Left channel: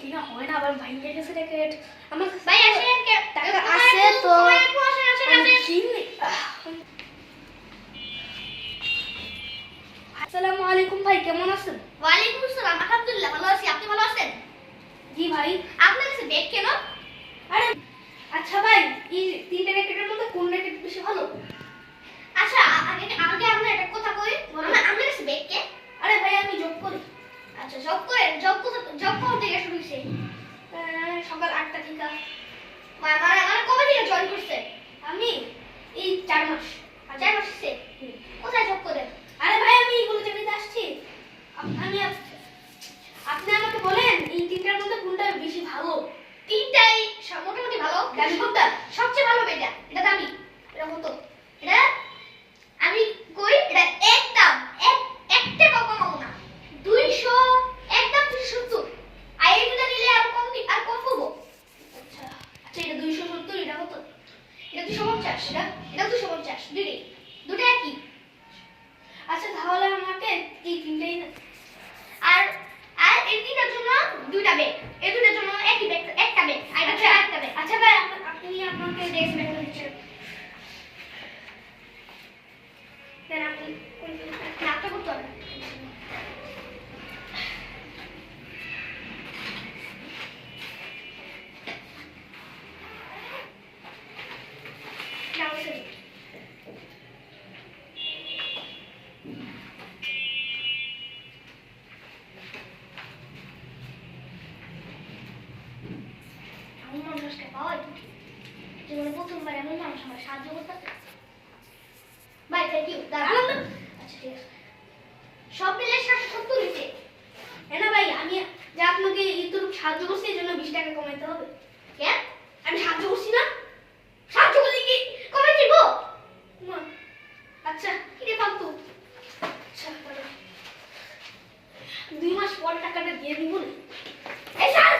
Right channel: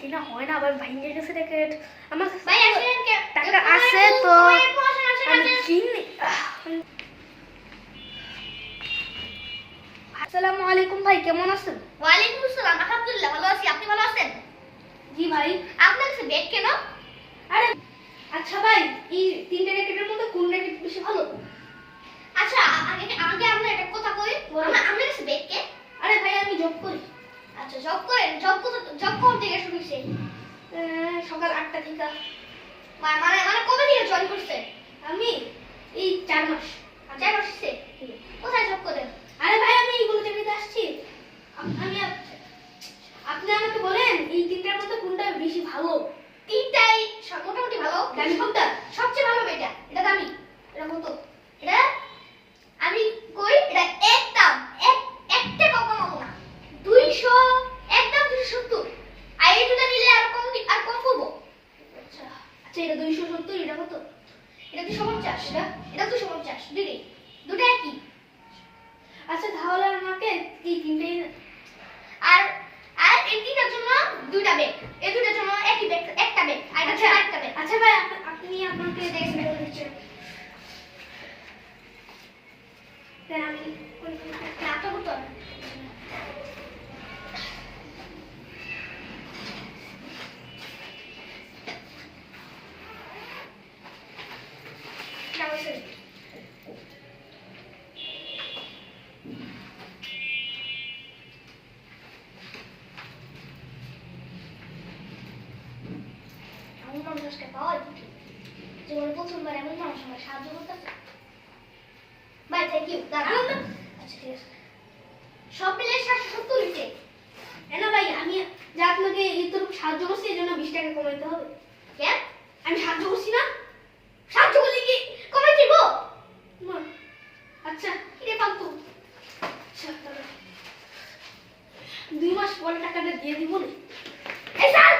কিনা হয় না, আবার ভাঙে গেছে র্যাকেট। আমার ভাই আসেন টাকা আছে তো আমি কিনি। আসসালামু আলাইকুম ভাই, কেমন আছেন? ওয়ালাইকুম আসসালাম, আলহামদুলিল্লাহ ভালো আছি। আপনি ভালো আছেন? জি ভাই। আপনার কাছে ব্যাগ কেন? আরে আচ্ছা ভাই, এই তিনটে র্যাকেটের মধ্যে কোন র্যাকেট বেশি ভালো? আচ্ছা আগে আমরা একটা কথা কই, আপনার কাছে ব্যাগ কে? আরে ভাই আমি জব করি। আচ্ছা জব করেন, জব কখন থেকে শুরু হইছে? সকাল 8টা থেকে। মানে কবে থেকে জয়েন করছেন? আমি এই 4 মাস। 4 মাস হইছে। কোথায় জব করেন? আরে ভাই আমি এইগুলো চাকরিতে আসছি। আপনি আমাকে বলেন এই তিনটার মধ্যে কোনটা বেশি ভালো? তিনটাই মোটামুটি ভালো। দামি কোনটা? সবচেয়ে ভালো এটা, এটা দামি, এটা মতো। এটা আমি কই এটা একদম একটা কম কমাবো না, 200, একদম 270। আর এই দুটো নিলে আর কম পড়বো। আচ্ছা আচ্ছা, এটা 270, এটা কত? এটা 250, এটা 250, দুটো একই। আচ্ছা তাহলে আমাকে এই তিনটেই আর আর এই তিনটার জন্য দুইটা ব্যাগ, এই দুটোর জন্য একই ব্যাগ, একটা ব্যাগ, আর এটা আরেকটা ব্যাগ। আচ্ছা ভাই আপনি আমাকে দেখবেন বলেছেন। দেন আমি নাটক করতে হবে। এমন মানুষকে পাওয়া যায় জীবনে প্রথমবার, এমন মানুষ আমার সাহায্য করতেছে। ভাই থ্যাংক ইউ। আচ্ছা ঠিক আছে, সব মিলে 770 হয়েছে। না ভাই, আমি যে আপনাকে এইটুকু সাহায্য করছি এই জন্য 20 টাকা কমাইতে হবে। কেন? আমি সাহায্য করছি না? সাহায্য করলে কি কমে দিব? না। আচ্ছা কিরে ফালতু। আচ্ছা 2 মাস পরে টাকাটা দিয়ে দিব না। এই স্যার